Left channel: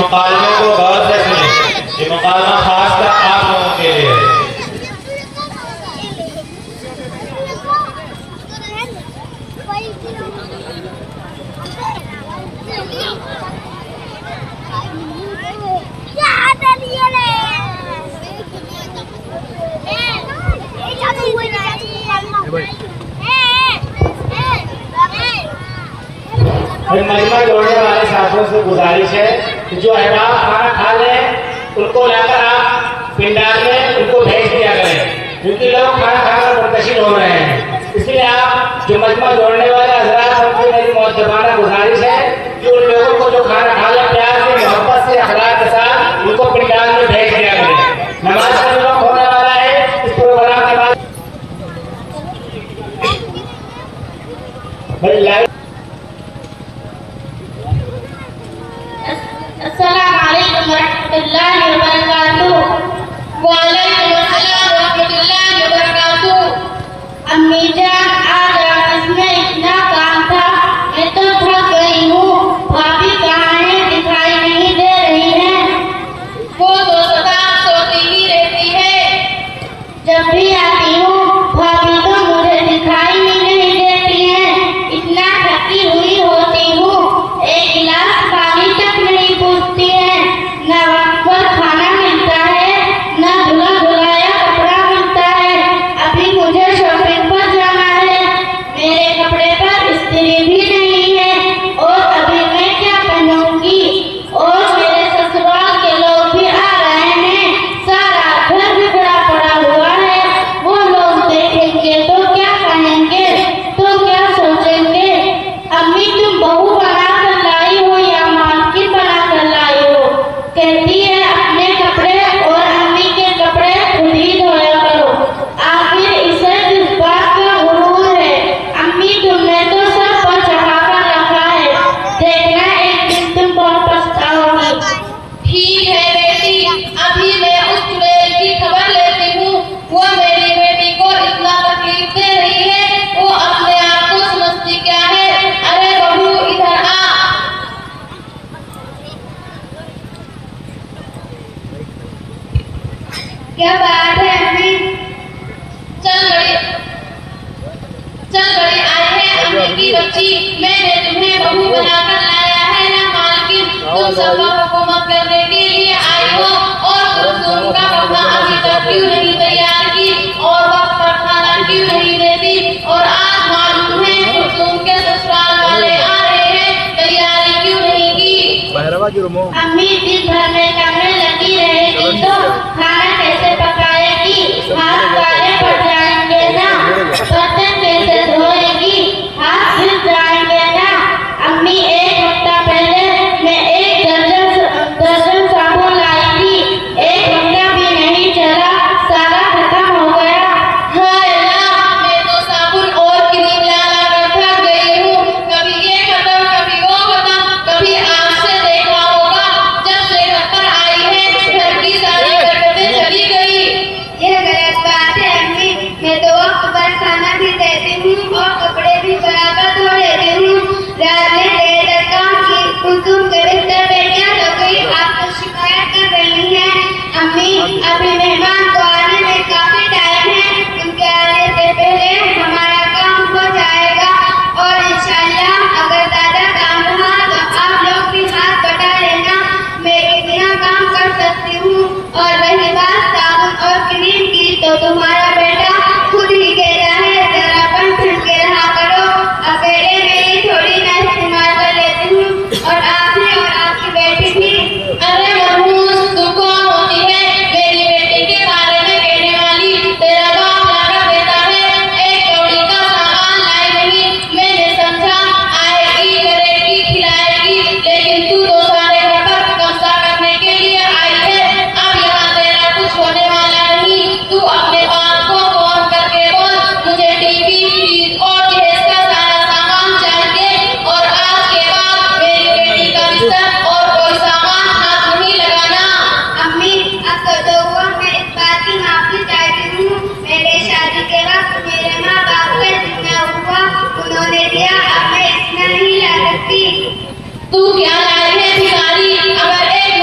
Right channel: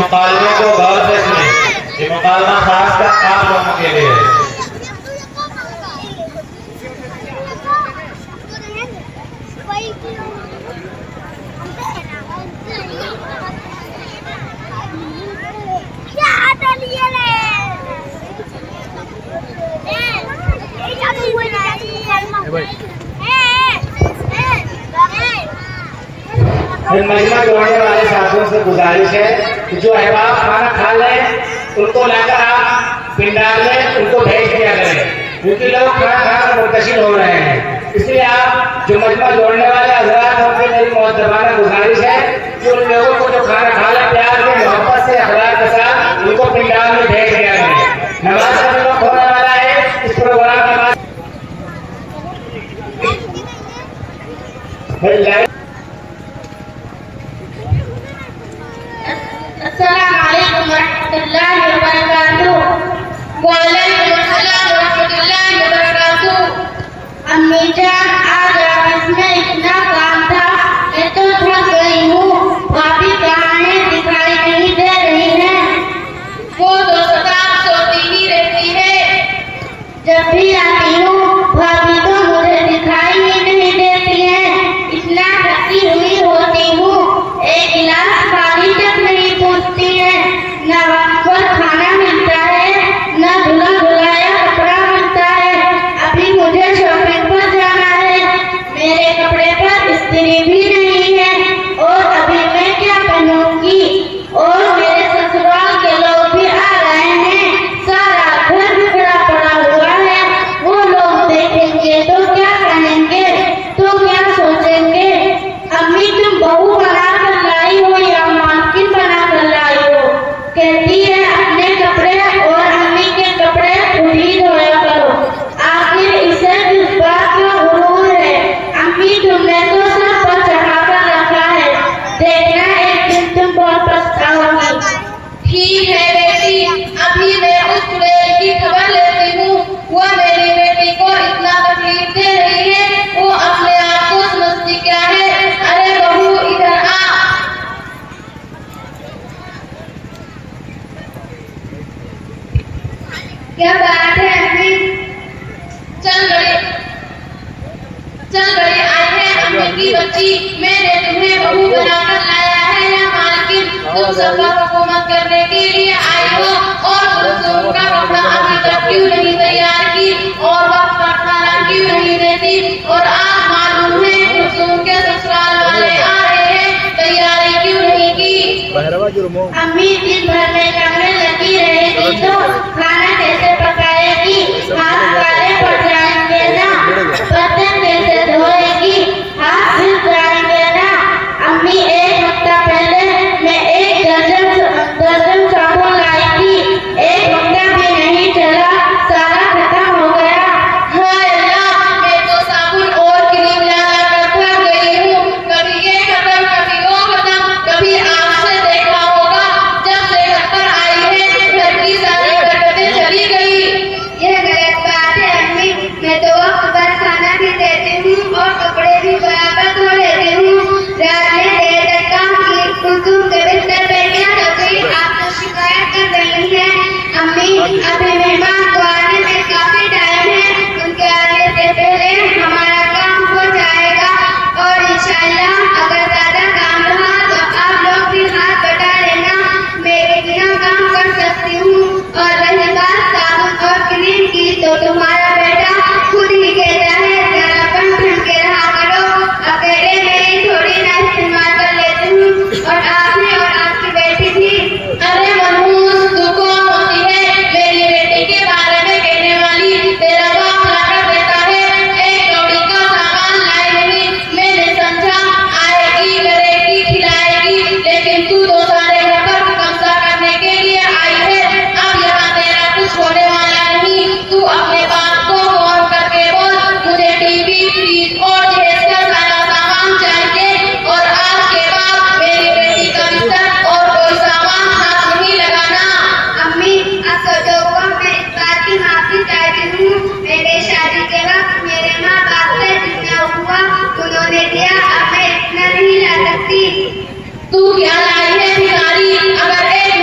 मुकालमे को गौर से सुने। ये मुकालमा खासकर आप लोगों के लिए है। मजमा जोड़ने वाले साथियों से गुजारिश है कि जो अहबाब खाना खा लें उनको लाकर आप पिंडार में उनको भेज दिया करें, क्योंकि लोग खाना खाकर मुंतशिर हो रहे हैं। इसलिए आप जो मजमा जोड़ने वाले हजरात उनसे मेरी मुअद्दबाना गुजारिश है कि उन लोगों को जो खाना खा ले प्यार से, मोहब्बत से, अखलाक के साथ उनको पिंडार में भेज दिया करें। नमाज का जो वक्त होने वाला है इस प्रोग्राम के बाद अस्सलामुअलैकुम वरहमतुल्लाहि वबरकातुहू। वालेकुम अस्सलाम वरहमतुल्लाहि वबरकातुहू। अम्मी जान, आज ऑफिस में इतना काम था, मैं तो थक गई हूँ। भाभी कहाँ है? दिखाई नहीं दे रही है। वो तो सदा सोती ही रहती है। जब भी आती हूँ भाभी तो मुझे दिखाई ही नहीं देती है। इतना थकी हुई होती हूँ, एक गिलास पानी तक नहीं पूछती है। न वक्त पर खाना मिलता है, न धुला धुलाया कपड़ा मिलता है। अभी मुझे शॉपिंग पर जाना है, मेरे कपड़े पर इस्त्री भी नहीं है, और अभी मैं क्या पहनूंगी? और मेरे ससुराल के लोग भी आ रहे हैं, सारा घर बिखरा पड़ा हुआ है। वो लोग देखेंगे तो क्या कहेंगे, तो क्या सोचेंगे? अम्मी तुम बहू बना कर लाई हो या मालकिन बना कर लाई हो? कहती है अपने कपड़े और अम्मी के कपड़े खुद ही धोया करो। आखिर इसे किस बात का गुरूर है? अम्मी तुमने तो सब पर चढ़ा कर रखा है, देखना एक दिन तुम बहुत पछताओगी। ठीक है बेटी, अभी मैं उस चुड़ैल की खबर लेती हूँ। वो मेरी बेटी को इतना तकलीफ दे रही है, वो अपने आप को समझती क्या है? अरे बहू इधर आ। क्या बात है अम्मी? चल बड़े आई है अम्मी की बच्ची। मैंने तुम्हें बहू बनाकर लाया है या मालकिन? तुम सब पर हुकूमत करने के लिए आई हो, और कुलसुम का कपड़ा अभी तक क्यों नहीं तैयार की, और वक्त पर खाना क्यों नहीं देती? और आज मालूम है कुलसुम के ससुराल वाले आ रहे हैं, तैयारी क्यों नहीं की? अम्मी दिन भर में कमरे लगी रहेगी तो खाना कैसे पकाएगी? हाथ काले पड़ जाएंगे ना, बर्तन कैसे धोएगी? हाथ धुल जाएंगे ना। अम्मी एक हफ्ता पहले मैं एक दर्जन साबुन लाई थी, एक हफ्ता भी नहीं चला, सारा खत्म हो गया। हाय अल्लाह, मैं तो साबुन और क्रीम ला कर थक गई हूँ। कभी ये खत्म, कभी वो खत्म, कभी आपसे देखा होगा जब से घर पर आई है घर की सारी बरकतें चली गई। यह गलत बात है अम्मी, मैं तो वक्त पर खाना भी देती हूँ और कपड़े भी बराबर धो लेती हूँ। रात में देर तक काम की, कुलसुम के बिस्तर पे क्या हो गई? आप तो शिकायत कर रही हैं। अम्मी अभी मेहमान को आने में काफी टाइम है, उनके आने से पहले हमारा काम हो जाएगा, और इंशाल्लाह अगर ज्यादा काम रहा तो आप लोग भी हाथ बटा लेना, मैं इतना काम कर सकती हूँ। और रही बात साबुन और क्रीम की, तो तुम्हारा बेटा खुद ही कहता है जरा कम ढंग के रहा करो, अकेले में ही थोड़ी ना इस्तेमाल कर लेती हूँ, और आप भी और आपकी बेटी भी। अरे मनहूस, तू कौन होती है मेरी बेटी के बारे में कहने वाली? तेरा बाप ला कर देता है, एक कौड़ी का सामान लाई नहीं। मैंने समझा आएगी, करेगी, खिलाएगी, लेकिन तू तो सारे घर पर कब्जा करने के लिए आई है। अब यहाँ तेरा कुछ होने वाला नहीं। तू अपने बाप को फोन करके बोल, मुझे टीवी, फ्रिज और दहेज का सारा सामान चाहिए, और आज के बाद मेरी बेटी का बिस्तर और कोई सामान हाथ नहीं लगाना। अम्मी अब तो हुआ, मैं इस बात की माफी चाहती हूँ। मेरे शादी के वक्त मेरे माँ बाप से जितना हुआ उन्होंने दिया, अब मैं इतना नहीं ला सकती। तू क्या लाई है भिखारी? अगर एक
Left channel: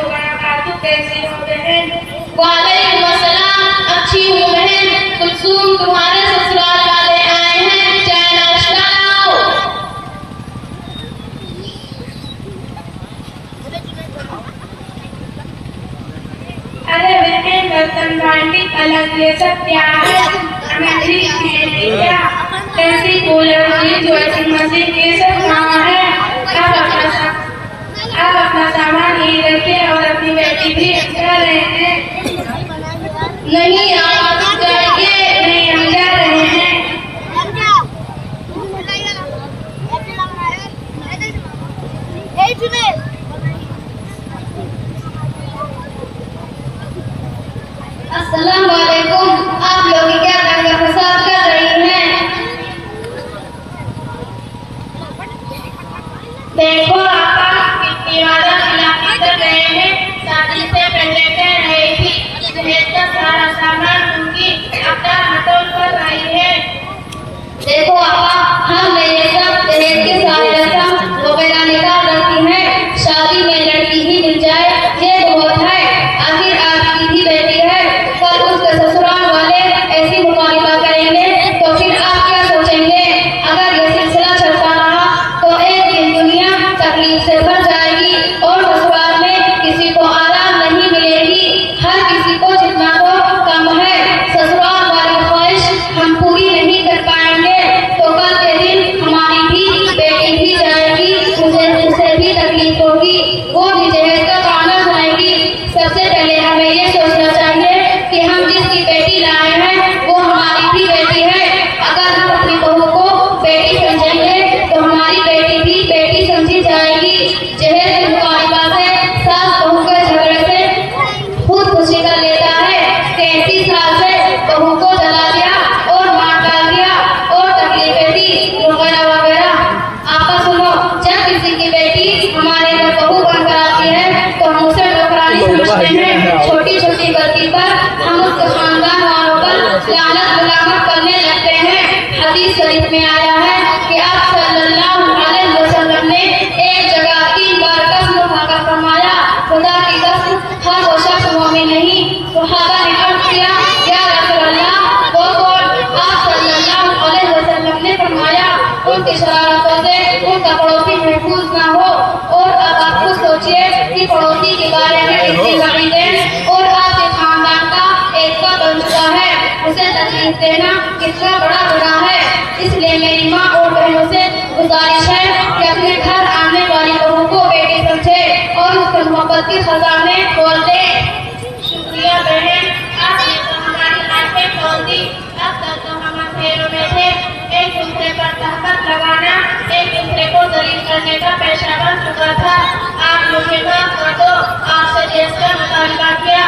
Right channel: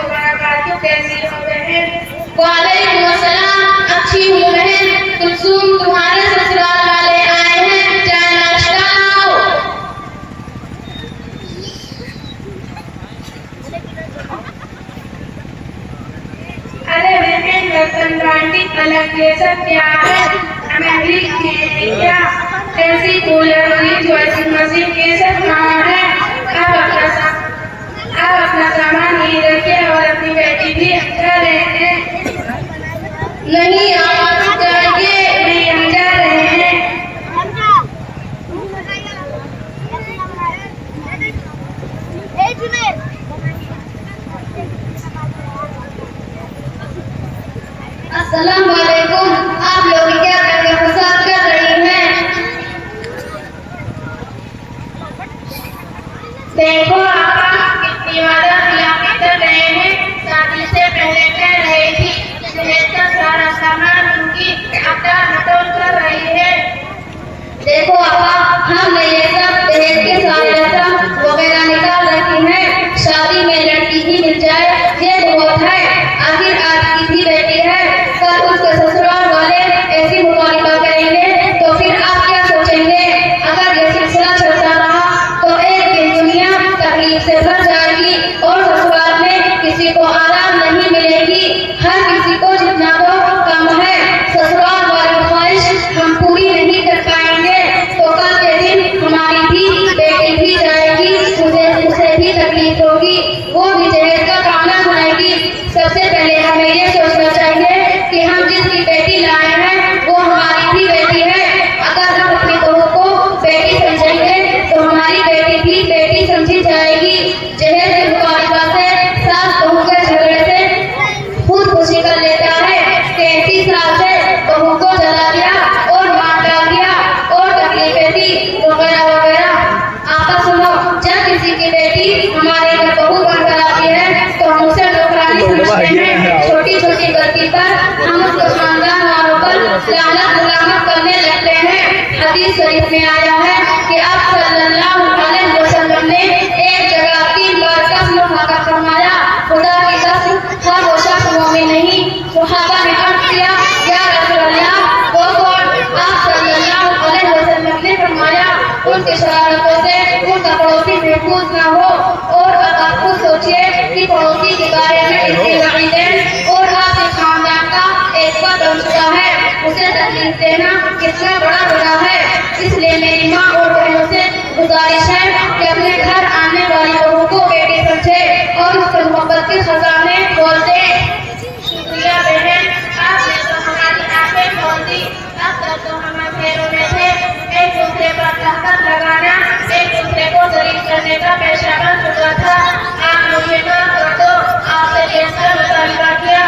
वबरकातुहू। कैसी हो बहन? वालेकुम अस्सलाम। अच्छी हूँ बहन। कुलसूम, तुम्हारे ससुराल वाले आए हैं, चाय नाश्ता लाओ। अरे बहन, बर्तन बाल्टी पलंग ये सब क्या है? हमें भी क्या? ऐसी कूलर फ्रिज वॉशिंग मशीन ये सब कहाँ है? आप अपना सामान यहीं रखें और अपनी बेटी भी अच्छा रहे। नहीं, आप जाइए, नहीं हम जा रहे हैं। अस्सलाम वालेकुम। आप लोग क्या करके फसाद कर रही हैं? देखो आपा, कितनी वादा खिला कर गए हैं। शादी से पहले कह रही थी दहेज का सारा सामान दूंगी, अब मटोल कर रही है। देखो आपा, हमने ये सब दहेज के सारे रस्म वगैरह निकाल रखी है। शादी में लड़की ही मिल जाए ये बहुत है। आखिर आपकी भी बेटी है, कल उसके ससुराल वाले ऐसी मुतालिबा करेंगे तो फिर आप क्या सोचेंगे? अगर ये सिलसिला चलता रहा तो एक दिन दुनिया तकलीफ से भर जाएगी और ससुराल में किसी को आराम नहीं मिलेगी। हर किसी को जितना हो कम है। ससुराल वाली ख्वाहिश हम पूरी नहीं कर पाएंगे तो कल के दिन हमारी भी बेटी भी जाएगी, उसे भी तकलीफ होगी, वो भी जहेज का ताना सुनाएगी। सबसे पहले हमें ये सोचना चाहिए कि हम जिसकी बेटी लाए हैं वो हमारी भी बेटी है। अगर हम अपनी बहू को बेटी समझेंगे तो हमारी बेटी भी बेटी समझी जाएगी। जहेज के मुतालिबा से सास बहू के झगड़े से खुद खुशी कर लेता है। 33 साल से बहू को जला दिया और मार डाल दिया और तकलीफें दी वगैरह वगैरह। आपा सुनो, जब किसी की बेटी हमारे घर बहू बनकर आती है तो हम उसे नौकरानी समझते हैं। छोटी छोटी गलती पर हम उसके खानदान वालों पर लानत गुलामत करने लगते हैं। हदीस शरीफ में आया है कि आप सल्लल्लाहु अलैहि वसल्लम ने एक जगह 3 बार कसम खाकर फरमाया, खुदा की कसम हर वो शख्स मोमिन नहीं। सहाबा ने अर्ज किया, या रसूल अल्लाह, वो कौन? आप सल्लल्लाहु अलैहि वसल्लम ने फरमाया, उनकी शरारतों से उनका पड़ोसी महफूज ना हो। और अब आप खुद सोचिए कि पड़ोसी के बारे में कितनी वईदें और आपके खानदान का एक पद बन चुका है, उसे तकलीफ देना कितना बड़ा गुनाह है। इसलिए मेरी माँ और बहनों से गुजारिश है कि अपने घर आने वाली बहू को बेटी समझे और उसके मोहब्बत के खजाने खोल दे। शुक्रिया बहन, आपने तो हमारी आंखें खोल दी। अब तक तो हम अंधेरों में थे। एक दूसरे पर तहमत लगाना, एक दूसरे को जलील करने का पेशा बन चुका था। आप मुझे माफ कर दो, आपसे जैसा मुतालिबा किया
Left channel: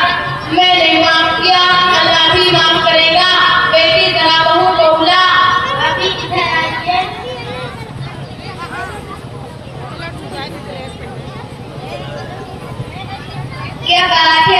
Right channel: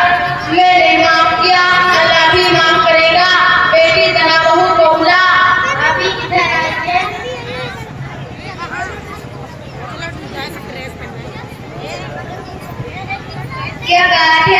मैंने माफ किया, अल्लाह भी माफ करेगा। बेटी जना बहू को बुला। अभी इधर आइए। क्या बात है